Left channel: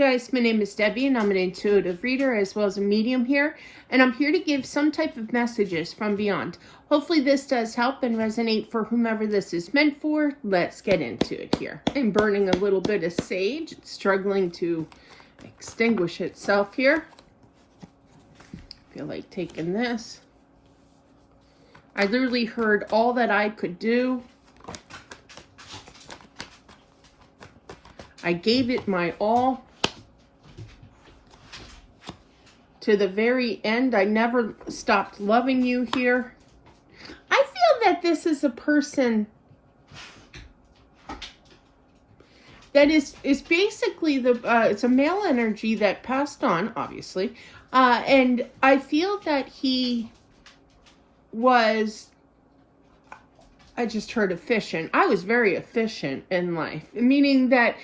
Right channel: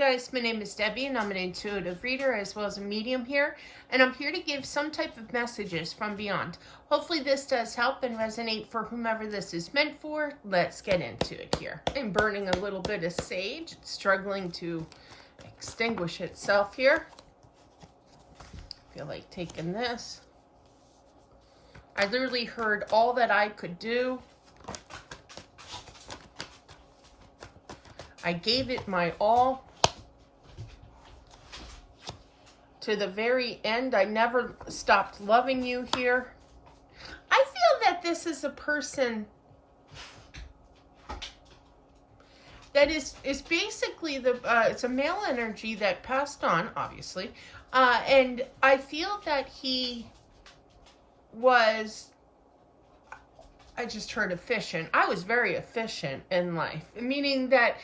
Guys, my name is Debbie and I'm an intuitive reader as well as a medium here, and I'm here to give some type of messages from beyond. Hopefully this does help and resonate for whomever this is meant for. Let's get into it here. I'm burning a little bit of sage. It's struggling to extinguish itself here. I feel like taking this. I literally heard all that I could do. I gave it my all. To the very end, I never stopped loving you here. I feel that this is a person that is basically it's a male energy that passed on, obviously. And I feel that he was, I just heard efficient. I was very efficient in life, meaning that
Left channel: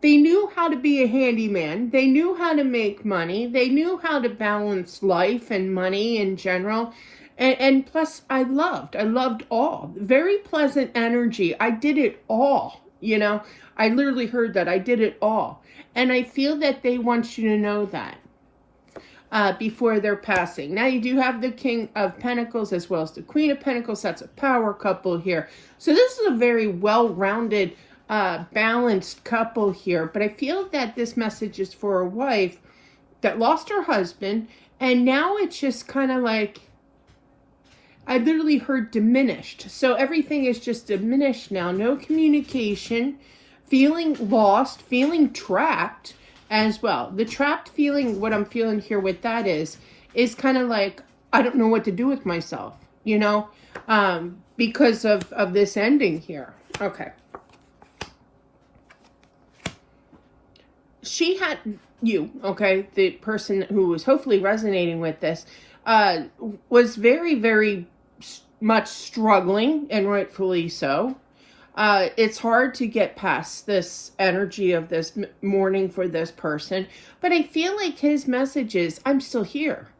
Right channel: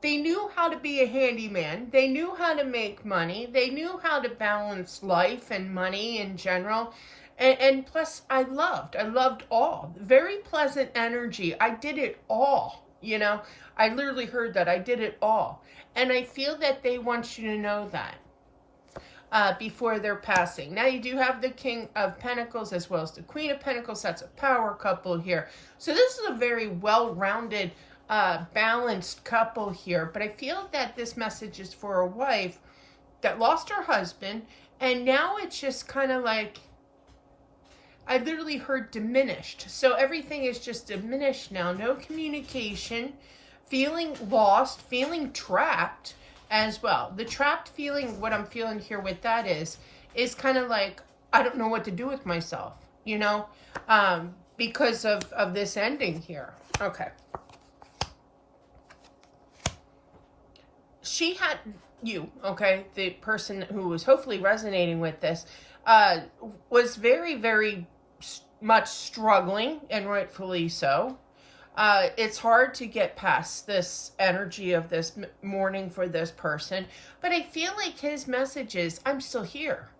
they knew how to be a handyman. They knew how to make money. They knew how to balance life and money in general. And plus, I loved all. Very pleasant energy. I did it all, you know. I literally heard that. I did it all. And I feel that they want you to know that before they're passing. Now, you do have the King of Pentacles as well as the Queen of Pentacles. That's a power couple here. So this is a very well-rounded balanced couple here, but I feel that this message is for a wife that lost her husband, and now it's just kind of like, I literally heard diminished. So everything is just diminished now. No communication, feeling lost, feeling trapped as well. The trapped feeling, what I'm feeling here with that is kind of like, I don't know what to do with myself, you know, because of this ending here. Okay. She had you, okay, the person who was hopefully resonating with this, was very, very much struggling, and rightfully so. It's hard to get past this energy of this mourning for this person, but I feel like his message is, I'm still here.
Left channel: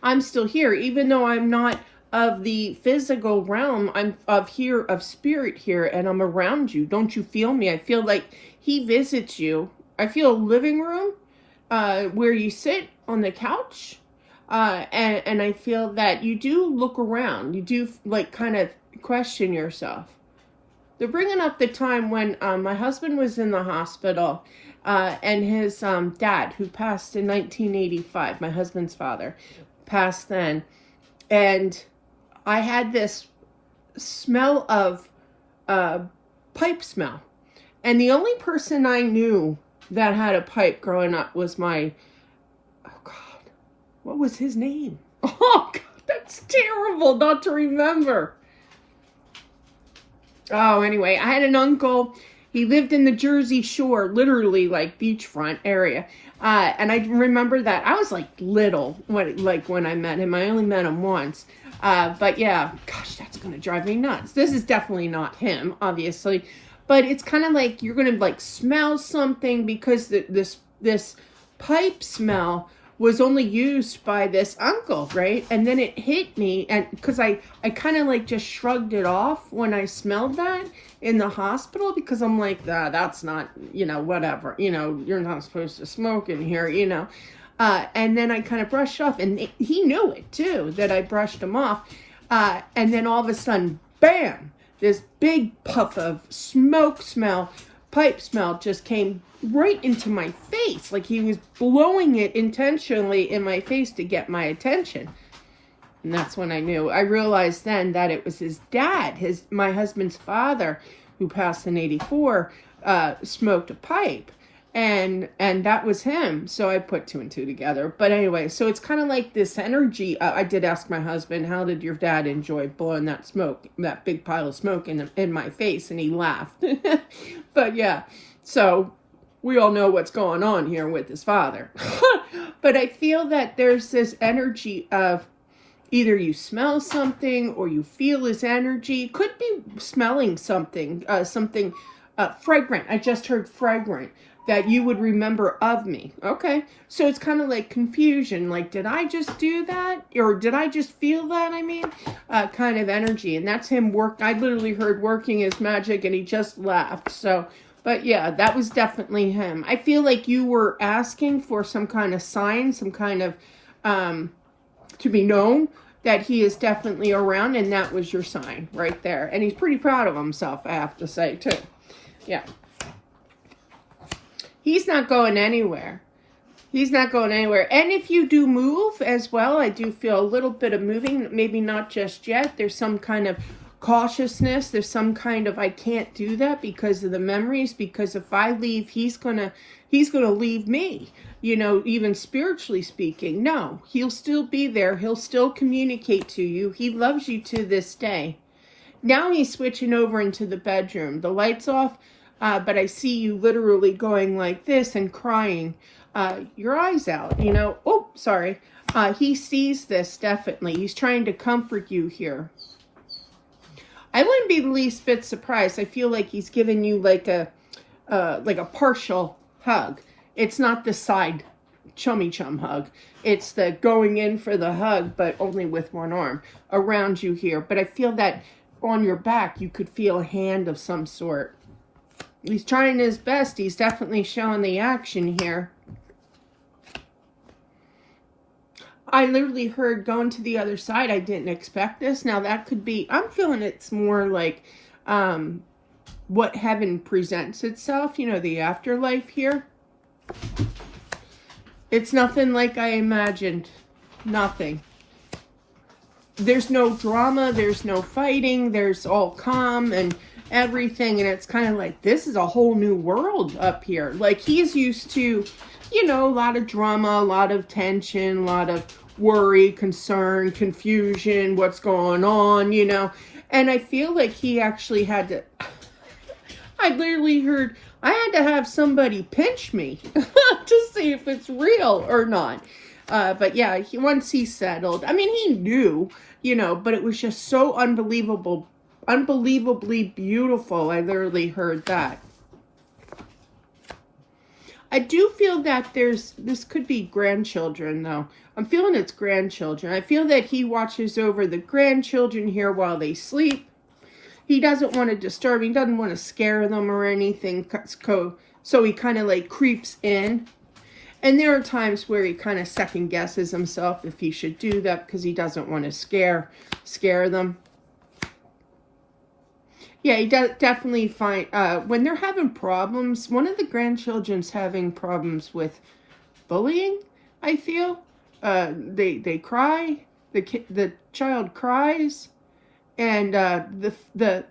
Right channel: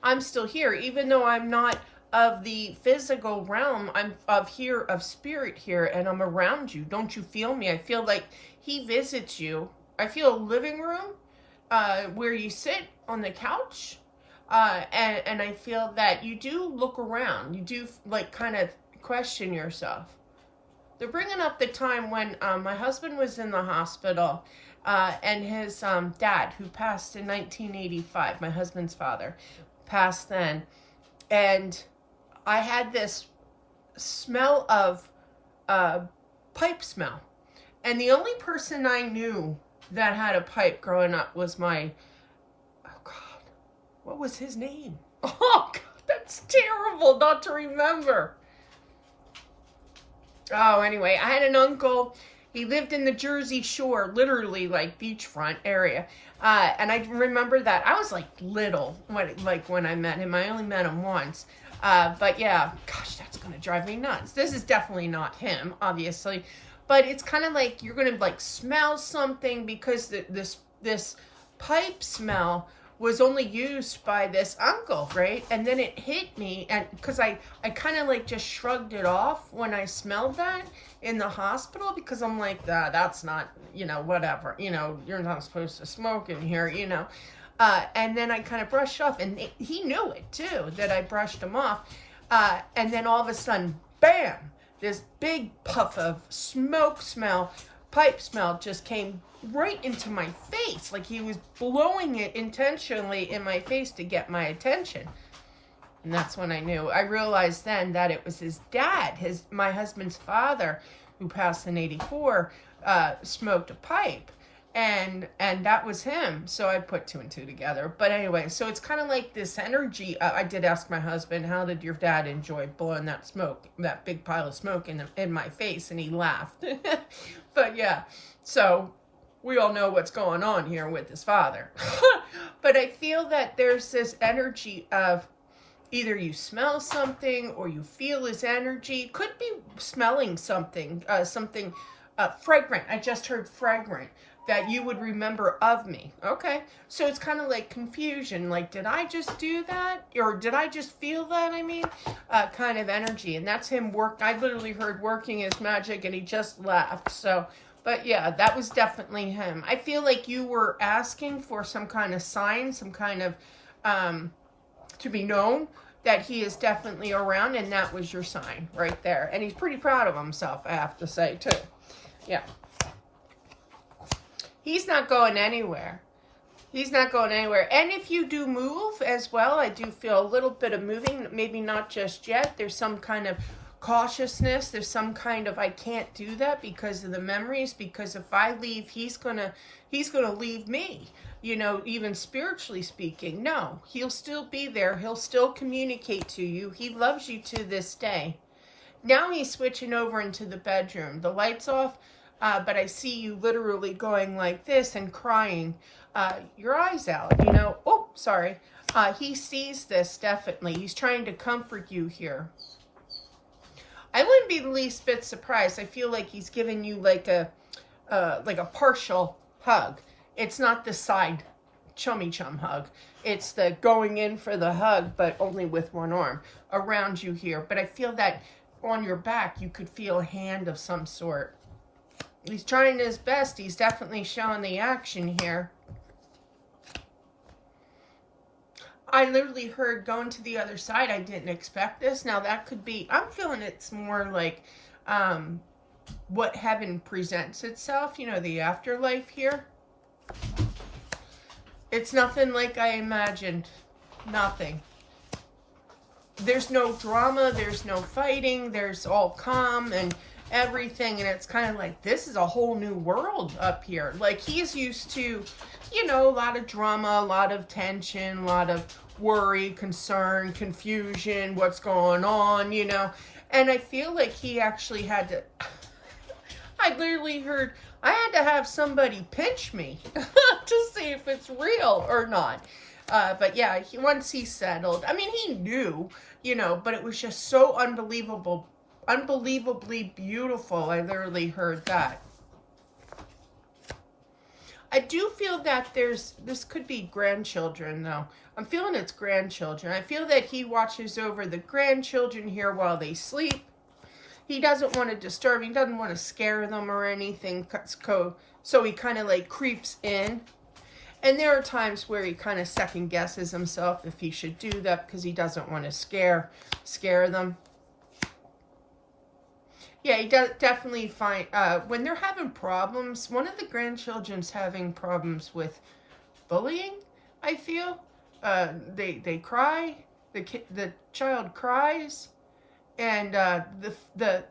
I'm still here, even though I'm not of the physical realm. I'm of spirit here, and I'm around you. Don't you feel me? I feel like he visits you. I feel a living room where you sit on the couch, and I feel that you do look around. You do like kind of question yourself. They're bringing up the time when my husband was in the hospital, and his dad, who passed in 1985, my husband's father, passed then, and I had this smell of pipe smell, and the only person I knew that had a pipe growing up was my, oh God, what was his name? Oh God, that's terrible not to remember. Oh, anyway, I had an uncle. He lived in the Jersey Shore, literally like beachfront area. And I remember that. I was like little when I met him. I only met him once. But yeah, gosh, that's going to drive me nuts. This is definitely not him, obviously. But it's kind of like you're going to like smell something, because this pipe smell was only used by this uncle, right? And then it hit me, and because I kind of like just shrugged it off when I smelled that in the hospital, because I'm like, that's not, you know, whatever, you know, you're not supposed to smoke in here, you know. And then I kind of brushed off, and he knew it too, that I brushed him off. And then all of a sudden, bam! This big puff of smoke smell, pipe smell, just came right into my face. Like he was blowing it intentionally in my face to get my attention. And that's when I knew. I realized then that it was his dad, my husband's father, who passed in 84, smoked a pipe. And that was him. So I put two and two together. But anyway, so it's kind of like this energy. I did ask my husband, how did your dad enjoy blowing that smoke, that big pile of smoke in my face? And he laughed. But yeah, so we all know what's going on here with his father. But I feel that there's this energy of either you smell something or you feel his energy. It could be smelling something, something fragrant. I just heard fragrant, that you would remember of me. Okay, so it's kind of like confusion, like, did I just do that, or did I just feel that? I mean, kind of energy. And that's him I literally heard working his magic, and he just laughed. So But yeah, that was definitely him. I feel like you were asking for some kind of sign, some kind of, to be known that he is definitely around, and that was your sign right there. And he's pretty proud of himself, I have to say, too. Yeah. He's not going anywhere. He's not going anywhere. And if you do move as well, I do feel a little bit of moving, maybe not just yet. There's some kind of cautiousness. There's some kind of, I can't do that because of the memories, because if I leave, he's gonna leave me, you know, even spiritually speaking. No, he'll still be there. He'll still communicate to you. He loves you to this day. Now he's switching over into the bedroom. The light's off, but I see you literally going like this and crying your eyes out, you know. Oh, sorry. He sees this, definitely. He's trying to comfort you here. I wouldn't be the least bit surprised. I feel like he's giving you like a partial hug. It's not the side chummy chum hug. It's the going in for the hug, but only with one arm around you here. But I feel that on your back, you could feel a hand of some sort. He's trying his best. He's definitely showing the action here. I literally heard going to the other side. I didn't expect this. Now that could be, I'm feeling it's more like what heaven presents itself, you know, the afterlife here. It's nothing like I imagined. Nothing. There's no drama. There's no fighting. There's all calm and everything. And it's kind of like, this is a whole new world up here. Like he's used to, you know, a lot of drama, a lot of tension, a lot of worry, concern, confusion, what's going on, you know. And I feel like he actually had to, I literally heard, I had to have somebody pinch me to see if it's real or not. But yeah, once he settled, I mean, he knew, you know, but it was just so unbelievably beautiful. I literally heard that. I do feel that this could be grandchildren, though. I'm feeling it's grandchildren. I feel that he watches over the grandchildren here while they sleep. He doesn't want to disturb, he doesn't want to scare them or anything, so he kind of like creeps in. And there are times where he kind of second guesses himself if he should do that because he doesn't want to scare them. Yeah, he does definitely find, when they're having problems, one of the grandchildren's having problems with bullying, I feel. They cry, the child cries, and the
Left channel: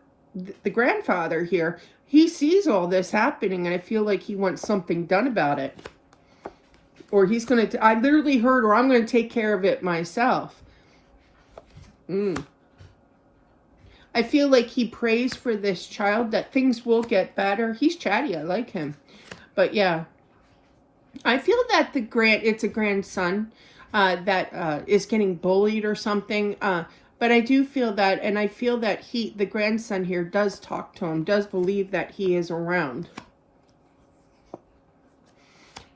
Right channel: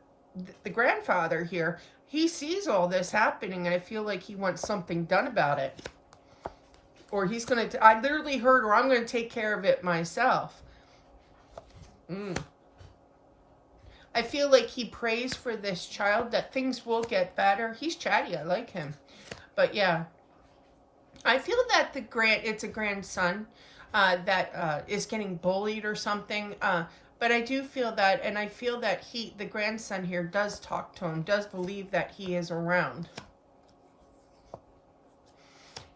grandfather here, he sees all this happening, and I feel like he wants something done about it. Or he's going to, I literally heard, or I'm going to take care of it myself. I feel like he prays for this child that things will get better. He's chatty. I like him. But yeah, I feel that it's a grandson that is getting bullied or something. But I do feel that, and I feel that the grandson here does talk to him, does believe that he is around.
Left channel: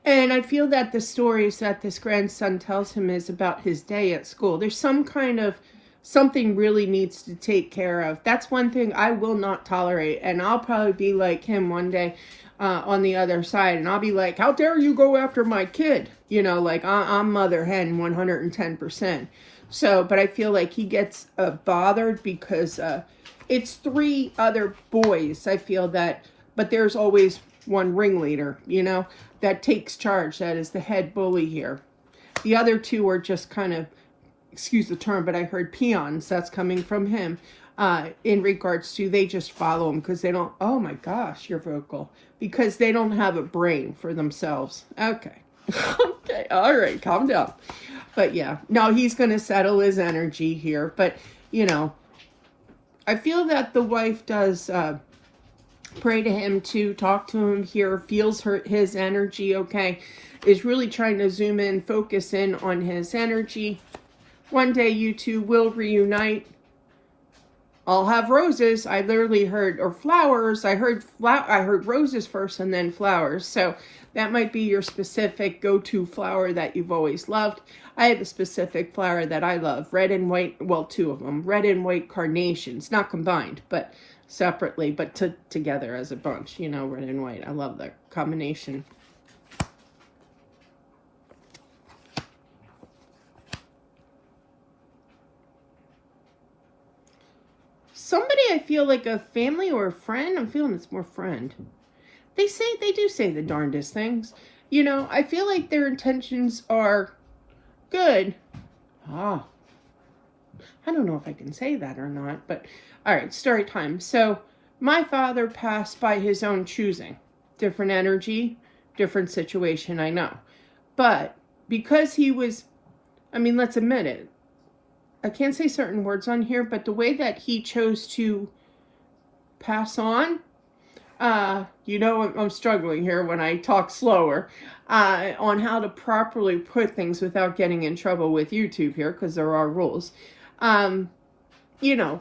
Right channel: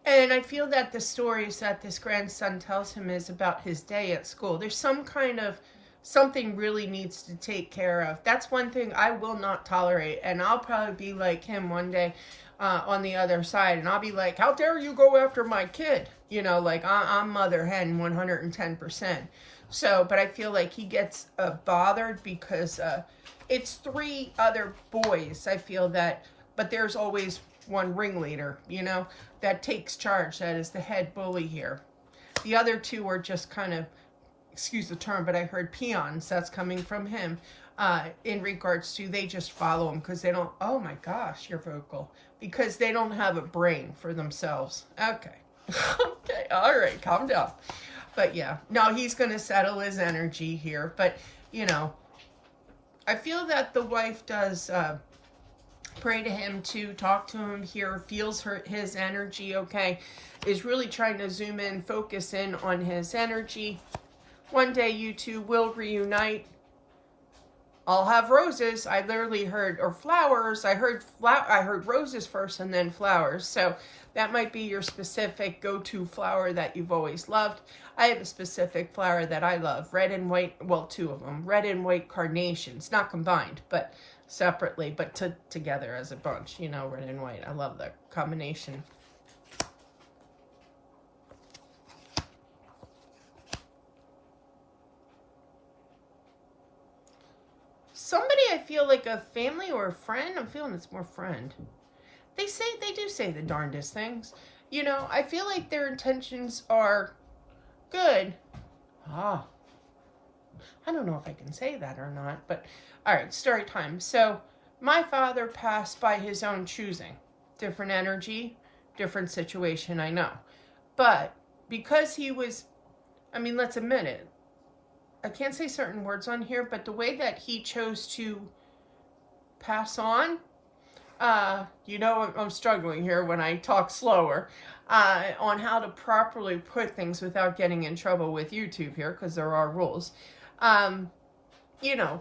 And I feel that the stories that this grandson tells him is about his day at school. There's some kind of, something really needs to take care of. That's one thing I will not tolerate. And I'll probably be like him one day on the other side. And I'll be like, how dare you go after my kid? You know, like I'm mother hen 110%. So, but I feel like he gets bothered because it's 3 other boys. I feel that, but there's always one ringleader, you know, that takes charge. That is the head bully here. The other 2 are just kind of, excuse the term, but I heard peons. That's coming from him in regards to they just follow him because they don't, oh my gosh, you're vocal. Because they don't have a brain for themselves. Okay. Okay. All right. Calm down. But yeah, no, he's going to settle his energy here. But, you know, I feel that the wife does pray to him too, talk to him here, feels his energy, okay, is really trying to zoom in, focus in on his energy. One day you two will reunite. I'll have roses. I literally heard, or flowers. I heard roses first and then flowers. So that might be your specific go-to flower that you've always loved. I have a specific flower that I love. Red and white, well, 2 of them. Red and white carnations. Not combined, but separately, but together as a bunch, you know, red and white. I love that combination. Somebody I feel like a family or a friend. I'm feeling it's more friend. They do say the darndest things. You know, I feel like their intentions are good. I don't know if I can say that or not, but all right, story time. So my father passed by his own choosing. Different energy, different situation, I know. But because he was, I mean, let's admit it. I can't say certain words on here, but the way that he chose to pass on, you know, I'm struggling here when I talk slower, on how to properly put things without getting in trouble with YouTube here, because there are rules. You know,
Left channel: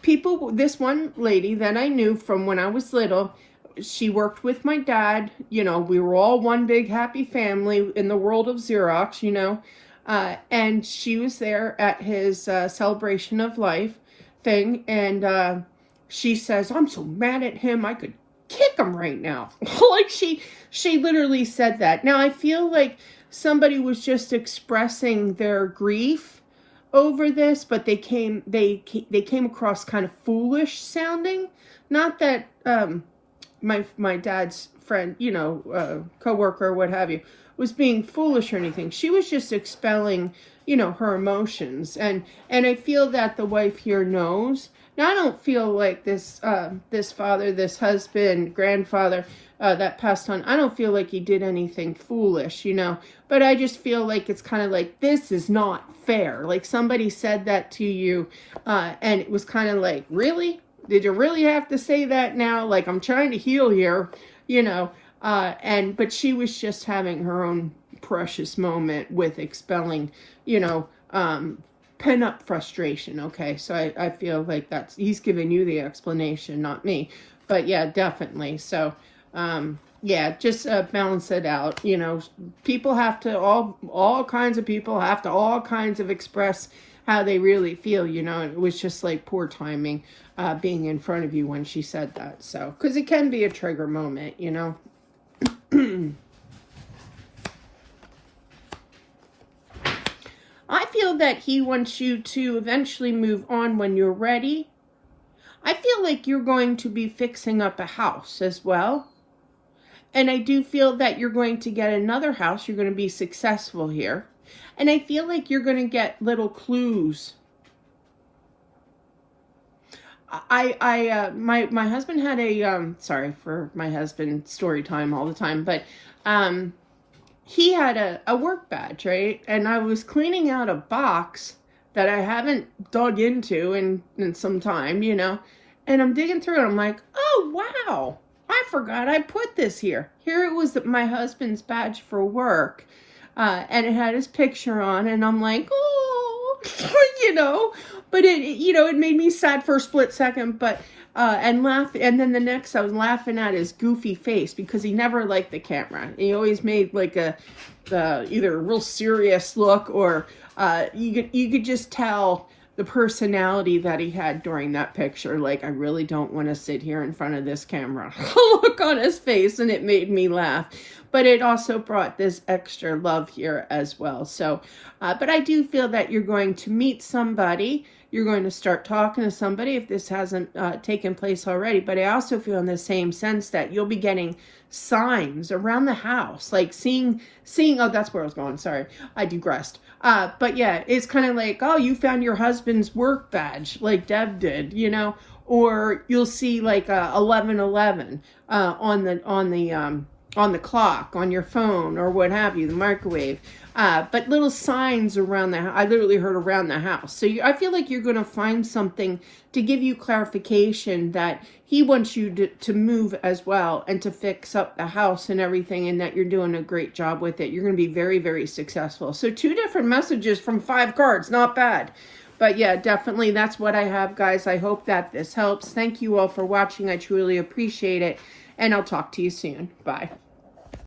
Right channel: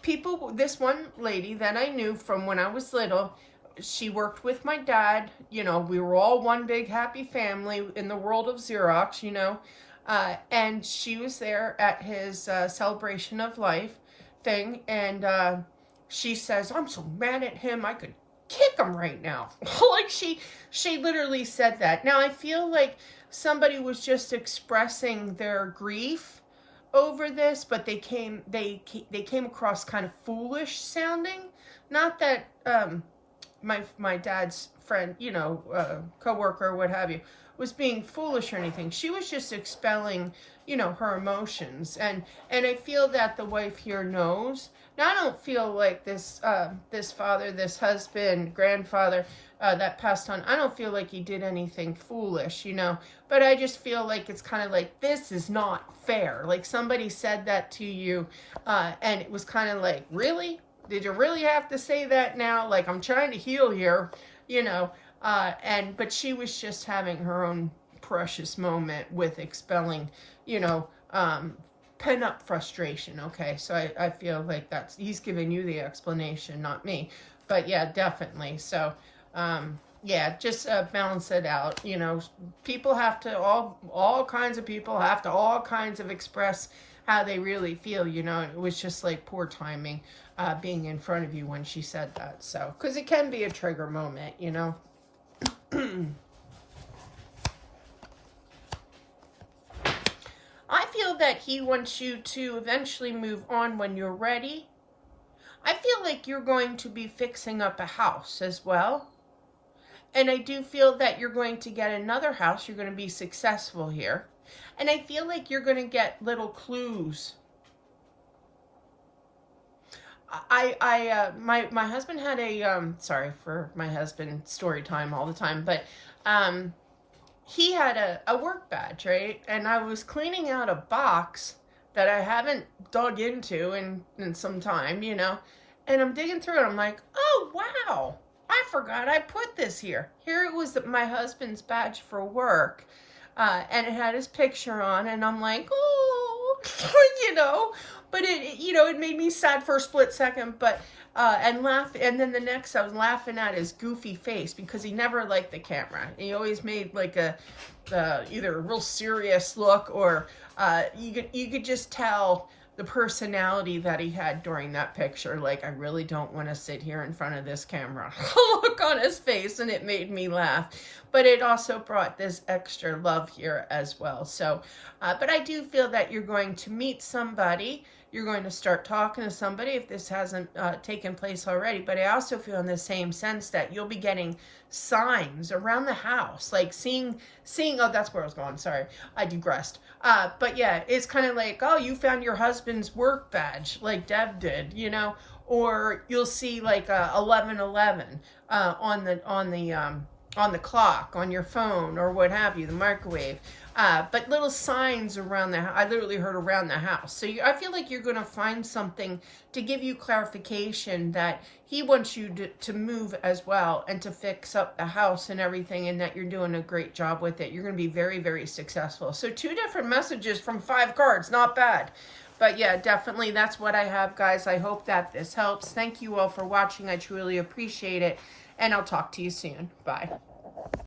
people, this one lady that I knew from when I was little, she worked with my dad. You know, we were all one big happy family in the world of Xerox, you know. And she was there at his celebration of life thing, and she says, "I'm so mad at him, I could kick him right now." Like she literally said that. Now I feel like somebody was just expressing their grief over this, but they came across kind of foolish sounding. Not that my dad's friend, you know, coworker, what have you, was being foolish or anything. She was just expelling, you know, her emotions, and I feel that the wife here knows. Now I don't feel like this father, this husband, grandfather that passed on, I don't feel like he did anything foolish, you know, but I just feel like it's kind of like, this is not fair. Like somebody said that to you, and it was kind of like, really? Did you really have to say that now? Like, I'm trying to heal here, you know. But she was just having her own precious moment with expelling, you know, pent up frustration. Okay, so I feel like he's giving you the explanation, not me. But yeah, definitely. So yeah, just balance it out. You know, people have to, all kinds of people have to all kinds of express how they really feel, you know. It was just like poor timing being in front of you when she said that. So, because it can be a trigger moment, you know. I feel that he wants you to eventually move on when you're ready. I feel like you're going to be fixing up a house as well. And I do feel that you're going to get another house. You're going to be successful here. And I feel like you're going to get little clues. My husband had a, sorry for my husband story time all the time, but, he had a work badge, right? And I was cleaning out a box that I haven't dug into in some time, you know, and I'm digging through it. I'm like, oh, wow, I forgot I put this here. Here it was, my husband's badge for work, and it had his picture on, and I'm like, oh, you know, but you know, it made me sad for a split second, but, and laugh. And then the next, I was laughing at his goofy face because he never liked the camera. He always made like either a real serious look, or you could just tell the personality that he had during that picture. Like, I really don't want to sit here in front of this camera. Look on his face, and it made me laugh. But it also brought this extra love here as well. So, but I do feel that you're going to meet somebody. You're going to start talking to somebody if this hasn't taken place already. But I also feel in the same sense that you'll be getting signs around the house, like seeing, oh, that's where I was going. Sorry, I digressed. But yeah, it's kind of like, oh, you found your husband's work badge like Deb did, you know, or you'll see like 11:11 on the clock, on your phone, or what have you, the microwave. But little signs around the house. I literally heard around the house. So I feel like you're going to find something to give you clarification that he wants you to move as well, and to fix up the house and everything, and that you're doing a great job with it. You're going to be very, very successful. So 2 different messages from 5 cards. Not bad. But yeah, definitely that's what I have, guys. I hope that this helps. Thank you all for watching. I truly appreciate it. And I'll talk to you soon. Bye.